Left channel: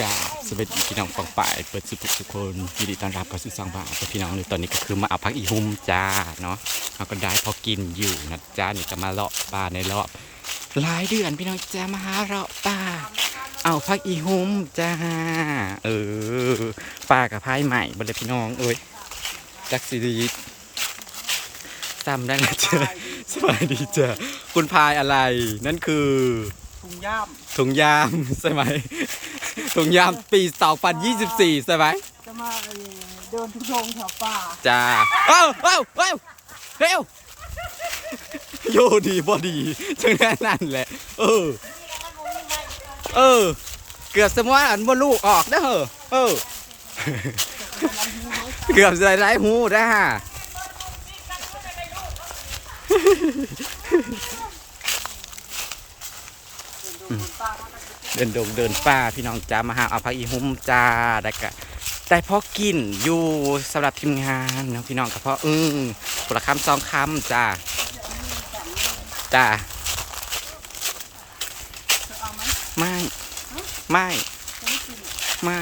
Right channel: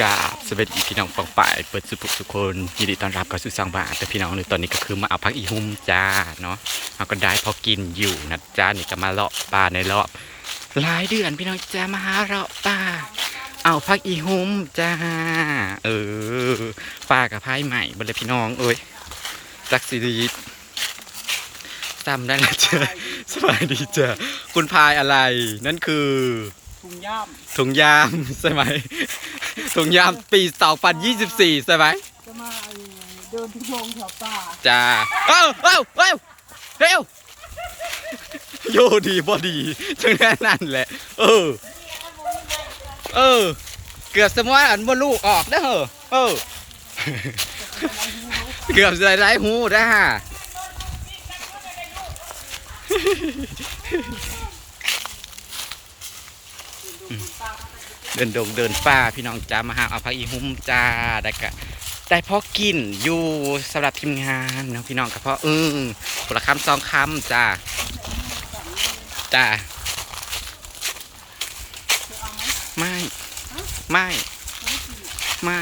กาบสวัสดีพี่น้องปองป่ายเปิดสุภทุกคนยินดีต้อนรับเข้าสู่สังบาแต่พี่น้องในตอนนี้ก็คือมาเอาพักอีหุ่มจ้าเนาะเราก็ได้พอกินอยู่นะจ้านี่ก็มาเลาะป่าในรอบหลายเดือนพี่น้องจ้ามาหาเลาะป่าเอาพักอีหุ่มจ้าเออป่ากับพายใหม่บนเลยพี่น้องเอ้ยจักซีรีส์ซ้ำได้แล้วจ้าสบายดีจ้าคุณพายอะไรนั่นคือ ถุงย่ามถุงยามใช่ไหมถุงยามปี2024ใช่ไหมจะมาเดินทุ่งทงแถวป่าจ้าเอ้าเอ้าเอ้าเร็วโยดีบอดีจังแค่นั้นแหละ เออ เออ เกือบสมว่าอันบ่ลูกออกได้อเหรอเออ เกือบจะไร้หูได้ฮะ เดินดงเดินป่าพี่น้องจ้ามาหาเอาพักอีหุ้มจ้าได้กะได้พอกินอยู่สำหรับทีมงานน้องพี่น้องกับพ่ออึ้งคนละคำสองคำจ้าจ้าไม่ ไม่ ไม่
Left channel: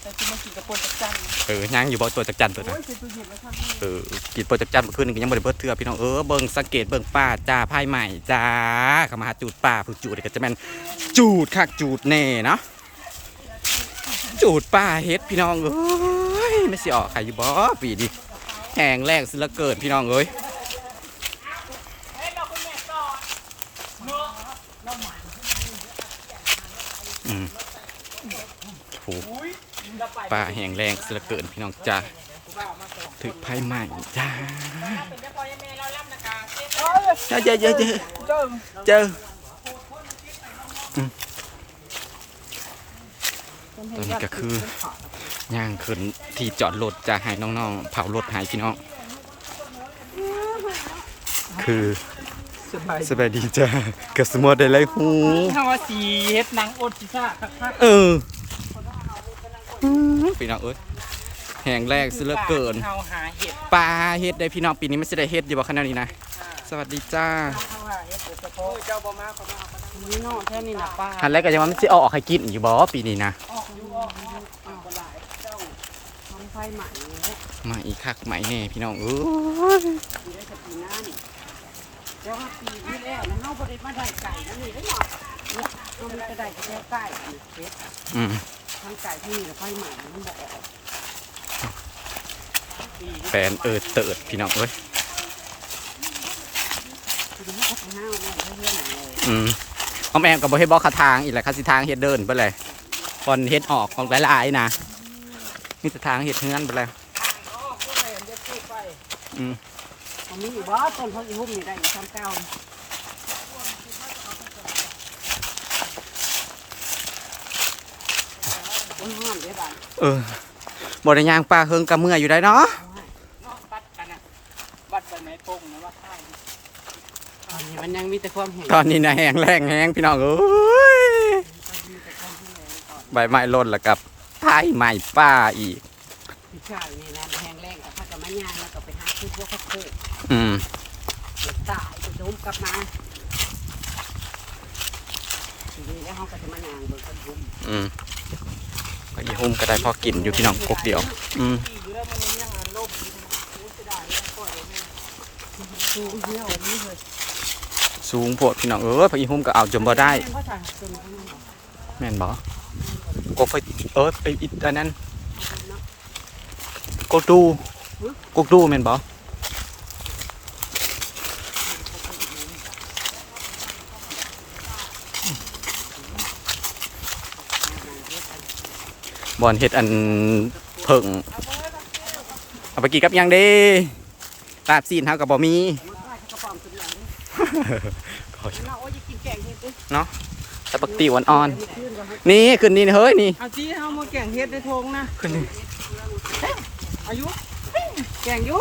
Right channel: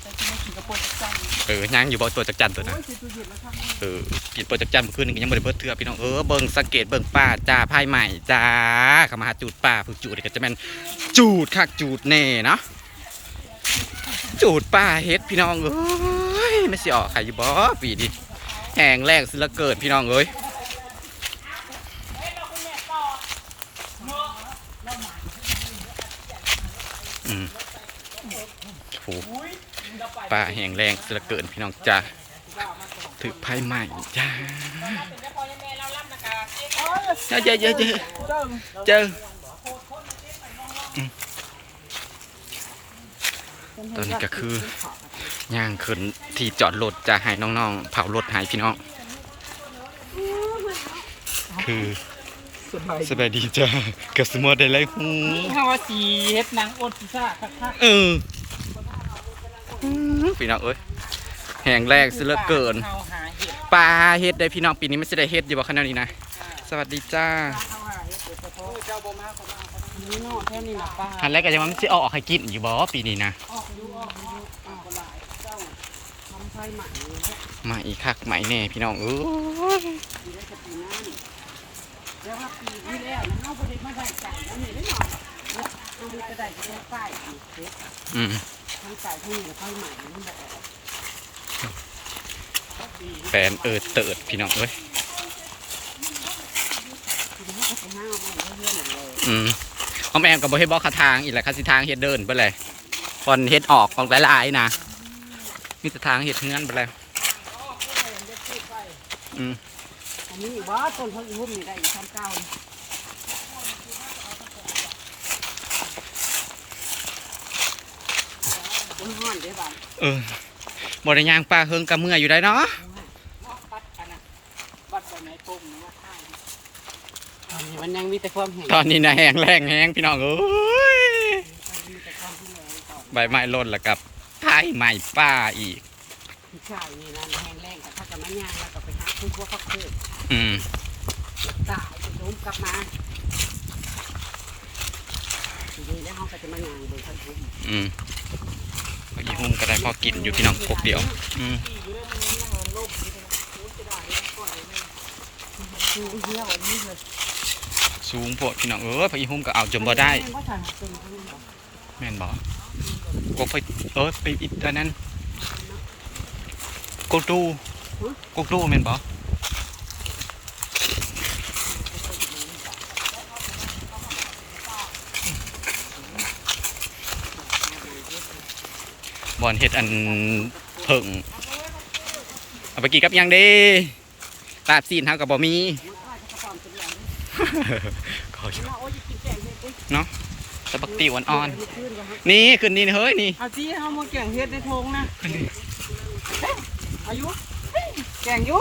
แต่จะไม่ กินกระปุกจักจันเออย่างอยู่บ่ตัวจักจันตัวโอ้นะยใส่ตู้เย็นแล้วครับเออกินโปรจักจันเมื่อคืนนี้ก็ยังบ่ได้เบิดเทื่อพี่น้องเออเบิ่งสังเกตเบิ่งป่าจ้าพายใหม่จ้าเข้ามาหาจูดป่าผู้จูดนี่ก็จะแม่นจูดคักจูดแน่เนาะจูดป่าเฮ็ดพี่น้องเอ้ยไม่สิออกใครอยู่บ่ปีนี้แห้งแรงสิละเกิดพี่น้องเอ้ยอืมโห ป่าแห้งแรงสิละเกิดพี่น้องจ้าถือไพ่ใหม่จ้าเจอเจอเจอเจอเดินเจออืมตอนนี้ก็คือย่างขึ้นที่จอดรถจะให้น้องๆ เผารถให้พี่น้อง คือสบายสบายดีจ้ากับสมอได้ไรหูถ้าว่าสีเฮ็ดหนังอดพิซซ่าคักเออ พี่น้องเอ้ยแห่งแรกสิเหลือเกิน เข้าหาเห็ดปลาเฮ็ดได้พี่น้องปีนี้ไม่ใช่ได้เฮ็ดอยู่บ่ขนาดนี้นะ สวัสดีจ้าเข้าหาเห็ดเดี๋ยวกระโปงเจ้าบ่มาก็มาเอาไปนี่นอกแค่นี้นะป้าอันแรกก็ยังว่ามันสิออกให้กินอยู่บ่ปีนี้นะ ออกอยู่ออกอยู่ออกหลายเจ้าทำไฟใหม่เนี่ยมาอีกคักใหม่แน่พี่น้องเอ้ยปีได้กับปีหน้านี่แล้วว่าปีที่แล้วนะเฮาบ่ได้มาได้ไก่แล้วนี่ได้หน่อยเนี่ยเฮามันก็ได้แค่ไก่นี่เฮ็ดอืม ทั้งไก่ที่นี่กับไฟใหม่มันบ่ออกแฟนเอิดเติดพี่น้องเอ้ยคือเฮาก็ทำหน้าแม่เพื่อนๆนั่นเลยอืมออมแอมกับบ่เฮ็ดบ่ขาทางอีกแหละคาสิทางเฮ็ดเดินไปเลยบอนเฮ็ดออกของหลายๆนะมีแต่ทางเฮ็ดเฮือนไปเลยอืมผมมีอยู่ว่าต้นเขาอีหุ่มนี่ได้อีกทำเก้า ต้นห้อนเด้บ้านเออบ่ได้ย่างปลาเฮิงกับเมื่อยอยู่ได้เนาะบัดกันนะบัดใบไม้โป่งนะว่าข้าวตอนนี้มันยังมีแต่ความแห้งตอนนี้นะแห้งแรงแห้งพี่น้องเอ้ยมีแต่ความแห้งก่อนใบไม้หล่นแล้วกับพายใหม่ป้าอีกที่ข้าวนี่นะแห้งแรงแต่ถ้ากับมันย่างแล้วก็ไปหาคือพวกข้าวโพดอืมตายจะโดมกลับมาทีนี้แล้วเขาก็จะมาย่างเบิ่งข้าวทุ่มอืม มีหุ้มก็ได้พอกินอยู่พี่น้องกกเดียว อืมสูงโวดพี่น้องเออพี่หุ้มก็เอาจมบ่ได้แมนบ่กบไปเออไปอีกอันนั้นกดูกดูแมนบ่ บอนเฮ็ดอันเพิ่งเอาไปกินกับหยังเด้ลาบซีนเฮากับบ่มีมันก็จะกระป๋อมตัวอย่างนี้ขอเราโอ้ยกินแกงเฮ็ดดิแต่บักติวอ่อนเมื่อคืนก็ให้ๆนี่ขึ้นนี่เฮ้ยนี่เอาจี้เอามาแกงเฮ็ดในทงนะขึ้นนี่อายุแกงอยู่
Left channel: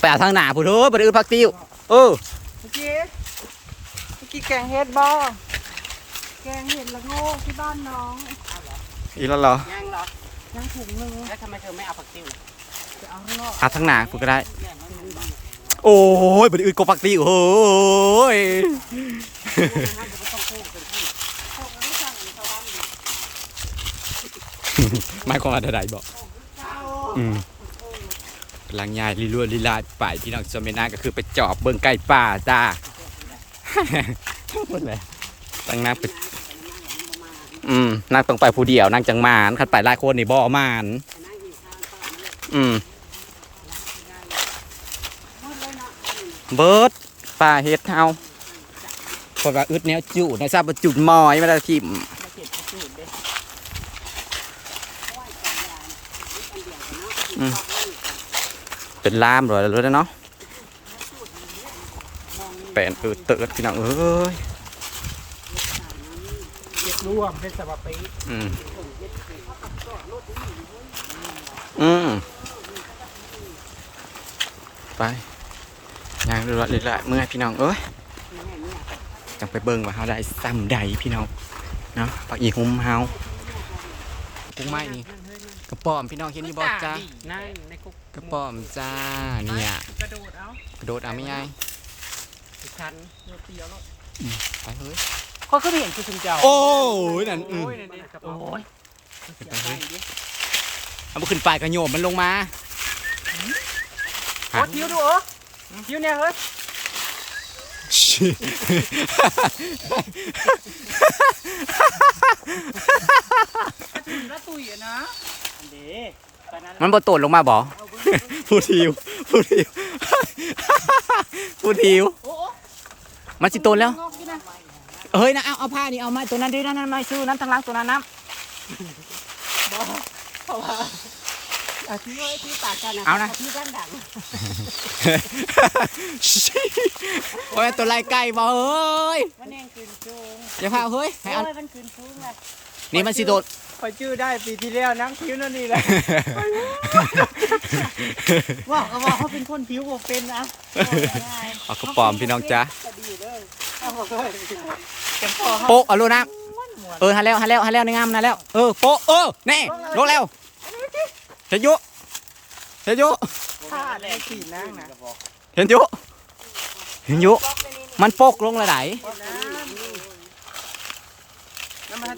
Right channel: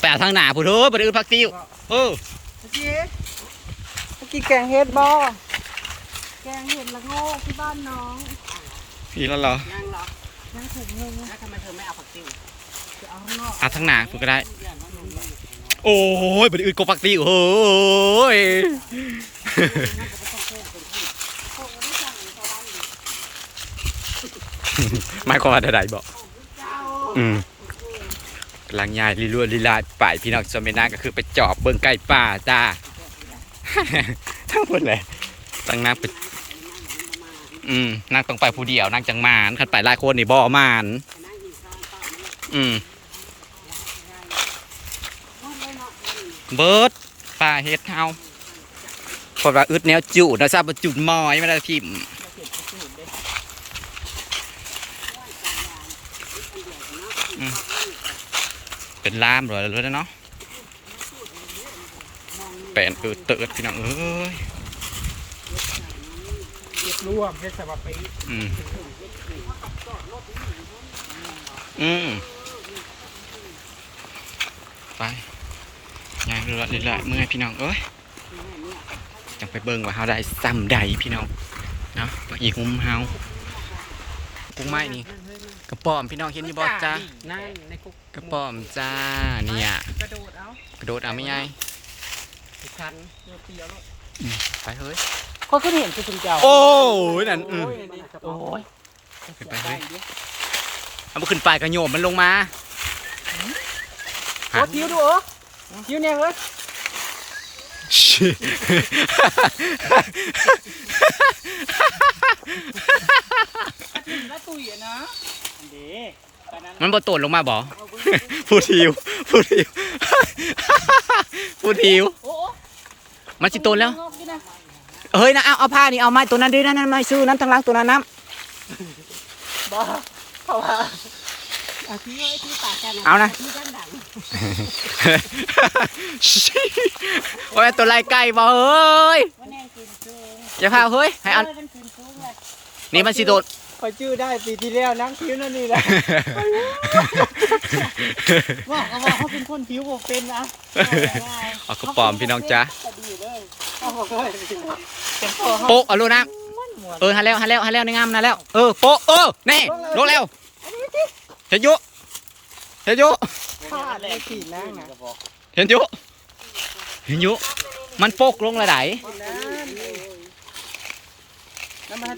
ไปเอาทางหน้าผู้เด้อบ่ได้อื้อผักติวเออเอาจี้เมื่อกี้แกงเฮ็ดบ่แกงเฮ็ดละโง่ที่บ้านน้องอีแล้วเหรอ ถุงเลยแล้วทำไมเธอไม่เอาผักติ้วจะเอาข้างนอกเอาทั้งหนาฝึกก็ได้ โอ้ยบัดอื่นก็ฟักตีโอ้ยหมายความวาใดๆบอกอืมกลังยายลีลัวลีลาป่ายพี่น้องชาวเมนาก็คือไปจอบเบื้องใกล้ป่าจ้า ทั้งหมดเลยตั้งน้ำไป อืมนั่งตรงไปผู้เดียวนั่งจังมานขันไปหลายคนนี่บ่มานอืมเบิร์ดป่าเฮ็ดเฮาเพระว่าอึดแนวจุนะทราบว่าจุดมอยมาได้ทิมเป็นลามเลยรู้แล้วเนาะแปนเออเติร์ดพี่น้องเอ้ย ร่วมเป็นสวัสดีอืม อืม ไปย่างเรื่อยๆเมื่อยพี่น้อง เอ้ยจังไปเบิ่งว่าเฮาได้ซ้ำใดพี่น้อง เนาะปักอีหุ่มเฮากุ้งไม้นี่ กระป๋อมพี่น้องเห็นอยู่บ่จ้านั่งในคุกกระป๋อมจ้า เนี่ย กระโดดเอา กระโดดเอาไม่ไงสิคันเดี๋ยวเตียวลงไปเฮ้ย ก็คือเห็นคือคุณเจ้าโอ้ยนั่นอืมโอ้ยขึ้นไปเฮ้ยเอามาขึ้นไปกระโยมมันลงมาฮะคิ้วดูโอ้คิ้วเนี่ยเฮ้ยละตุยอะนะอันเด้ตอนนั้นมันบ่โตดลงมาบ่ผู้ทิวผู้ทิวผู้ทิวโอ้มันสิโตดแล้วงอกนี่นะ เฮ้ยนะเอาเอาผ้านี่เอาไม้ตัวนั้นด้วยนั่นนั่นไม้ซื้อน้ำทางล่างตัวนั้นน้บ้าเพราะว่าเอาคิ้วไอ้คิ้วปากกันนะเอานะคิ้วดังดังว่าแม่นตัวลายไก่บ่เฮ้ยมันแนงคืนจูงอย่าพาเฮ้ยให้อันเมันคืนจูงเลยนี่มันสิโดดไปชื่อได้ปีที่แล้วน้ำคิ้วนั่นนี่แหละว่าเขาว่าเขาเป็นคนผิวผมเป็นนะเอากระป๋อมพี่น้องจ้าเขาบอกเลยเต็มตัว โปะเอาลูกน้ำเออหาแล้วหาแล้วหาแล้วในงามนะแล้ว เออโปะเออแน่ลงแล้วเห็นยุเห็นยุเห็นยุเห็นยุมันโปกลงระไดแล้วมัน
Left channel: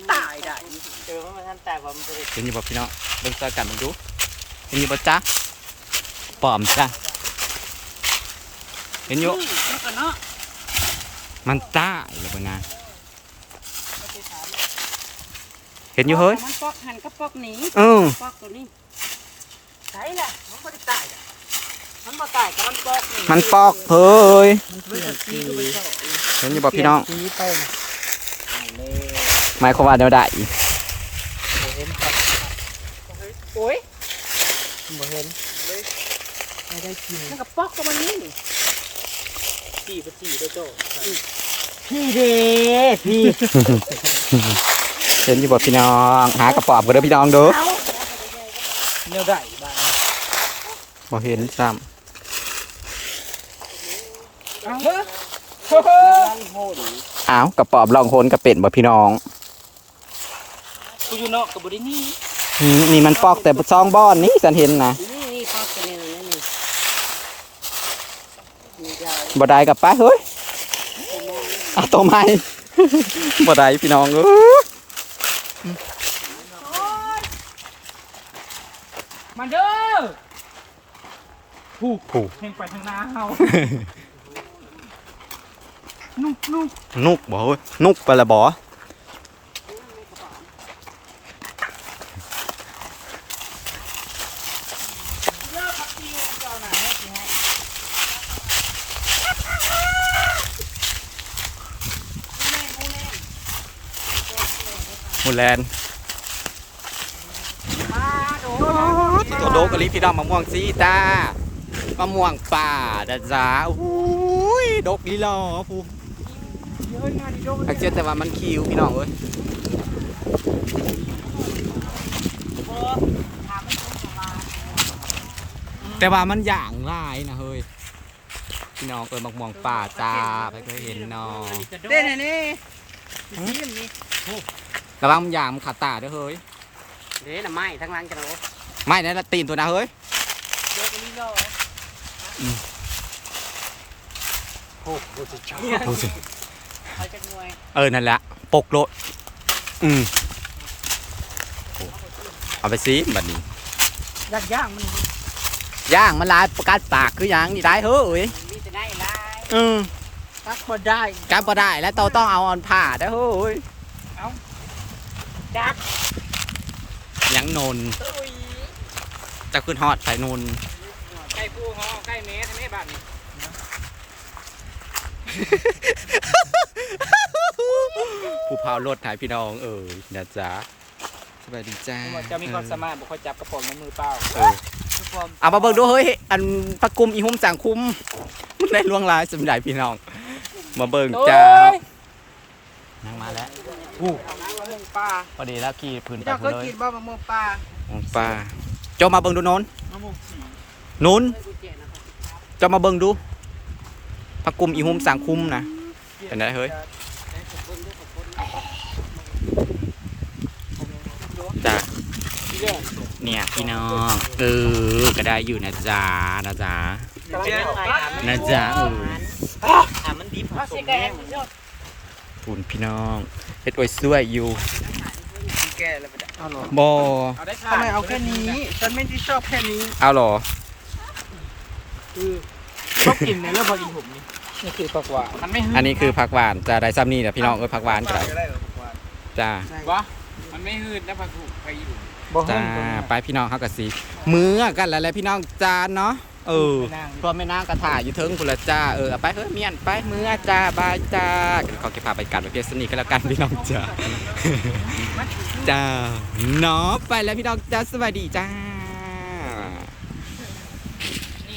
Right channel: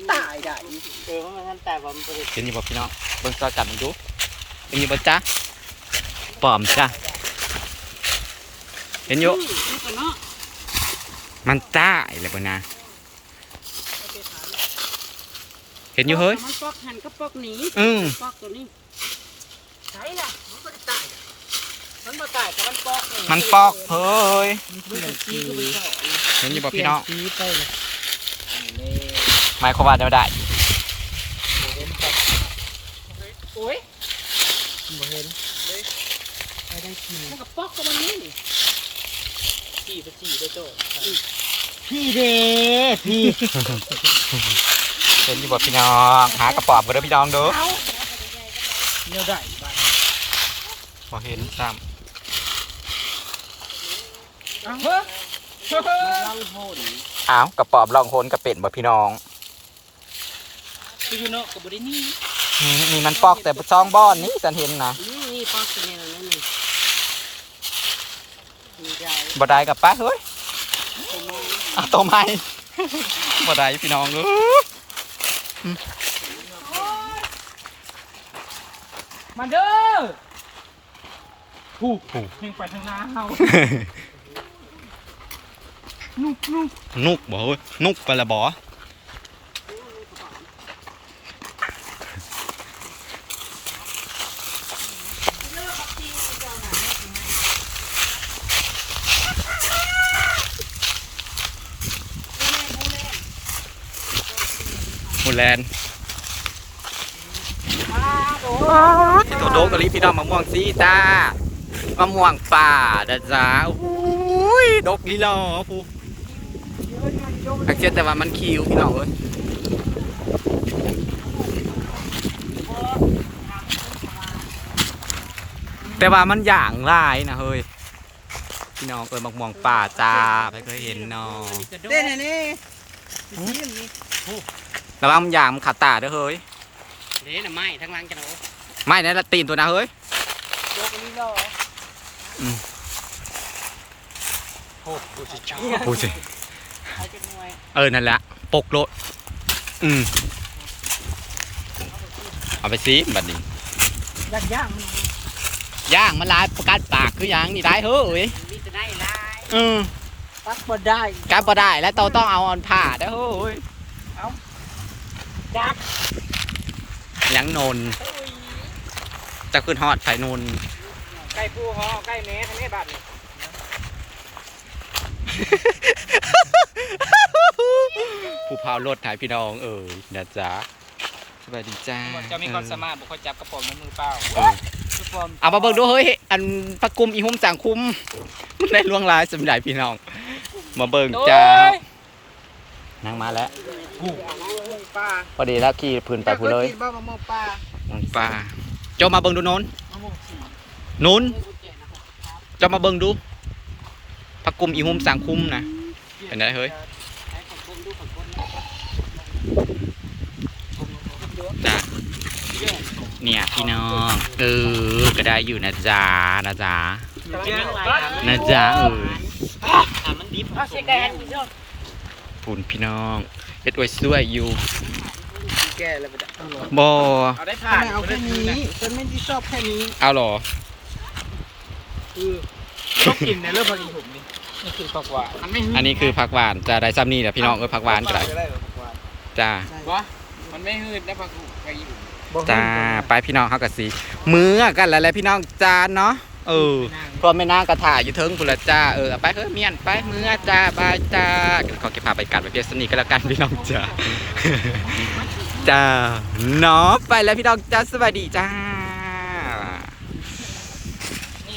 เห็นอยู่บ่พี่น้องเบิ่งซอยกันมึงดูเห็นอยู่บ่จ๊ะปอมจ้ะเห็นอยู่ มันก็เนาะมันตายเลยบ่นะเห็นอยู่เฮ้ยมันปอกหันก็ปอกหนีเออปอกตัวนี้ใช่แหละมันก็ได้ตายมันมาตายแต่มันปอกมันปอกเฮ้ยมันเปลี่ยนสีก็ไปเจาะเห็นอยู่บ่พี่น้องสีไปนะเลยหมายความว่าเดี๋ยวได้บ่เห็นครับโอ้ยบ่เห็นเลยไม่ได้กินมันก็ปอกก็มันนี่ นี่พี่ไปจีได้โจ้พี่เด้พี่เห็นอยู่บ่พี่น้องหากระป๋อมบ่เด้อพี่น้องเด้อเนื้อได้บ้างบ่เห็นซ้เอาเฮ้ยเฮ้ยลังโหนำอ้าวกระป๋อมลองโคนกระเป็ดบ่พี่น้องกูอยู่นอกกับบรินี่อืมนี่มันปอกแต่ซองบ้อนนี่ฉันเห็นนะนี่นี่ปอกตัวนี้นะนี่นี่ได้ บ่ได้กับป้าเฮ้ยเอาตัวใหม่บ่ได้พี่น้องเอ้ยมาเด้อผูกผูกแข่งไปทางน้าเฮานุกนุกนุกบ่เฮ้ยนุกไปละบ่ แลนด์ที่ตัวโดกกะลิพี่ดำมะม่วงซีจ้ามะม่วงป่าจ้าจ้าอุ้ยดกลีลอผู้อักเช่นแต่ว่ามันคิวพี่น้องเอ้ยแต่ว่ามันอย่างลายนะเฮ้ยพี่น้องเอ้ยมะม่วงป่าจ้าไปเคยเห็นเนาะเต้นนี่นี่นี่ ระวังมันอย่างมันขาดตาเด้อเฮ้ยนี่น่ะไม้ทั้งหลังจังเลยไม่นะละตีนตัวนะเฮ้ยโดกนี่รอพูดสิใครจะงวยเออนั่นแหละปกโลดอืมเอาไปซิบัดนี้ย่างย่างมันย่างมันลายประกาศปากคือหยังนี่ได้เฮ้ยมีจะได้ลายเออตักบ่ได้การบ่ได้แล้วเราต้องเอาอันผ่าได้อเฮ้ย จัก ห ยังนนจะขึ้นฮอดไผนนใกล้กูฮอใกล้แม่ทางนี้บ้านผู้พาวรถถ่ายพี่น้องเอ่ยนะจ๊ะสบายดีจ้าจะมีความสามารถบุคคลจับกระป๋องในมือเปล่าเออเอามาเบิ่งดูเฮ้ยอันพักกุมอีหุ่มสังคุมมันได้ล่วงลายสำหรับพี่น้อง มาเบิ่งจ้านั่งมาแล้ว ป้าพอดีแล้วขี่พื้นไปเจ้าพูเคยเลยกินบ้ามะม่วงป้าป้าเจ้ามาเบิ่งดูโนนมะม่วงสีนุนเจ้ามาเบิ่งดูพักกุมอีหุ่มสังคุมนะ เป็นไงเฮ้ย จ้าเนี่ยพี่น้องเออก็ได้อยู่นะจ๊ะนะจ๊ะนะจ๊ะเออ ถามมันดิบผสมแน่ พูนพี่น้องเฮ็ดไว้สวยอยู่แก่แล้วไปได้เอาหรอบ่ทำไมเอาแค่นี้ ฉันไม่ได้ชอบแค่นี้ เอาเหรอคือกินในเรื่องพอดีผมนี่นี่คือตกว่ามันไม่อันนี้คือผักหวานจะได้ซ้ำนี่แหละพี่น้องเออผักหวานก็ได้จ้าวะมันไม่หืดนะผักหูไปอยู่จ้า ไปพี่น้องเฮาก็สิมื้อกันแล้วแหละพี่น้องจ้าเนาะ เออพอไม่น่ากระถ่ายอยู่เทิงพุ่นละจ้าเอออไปเฮ้ยเมียนไปเมื่อจ้าบายจ้าขอเก็บพาไปกัดไปเพียสนีก็แล้วกันพี่น้องจ้าจ้าเนาะไปแล้วพี่น้องจ้าสวัสดีจ้า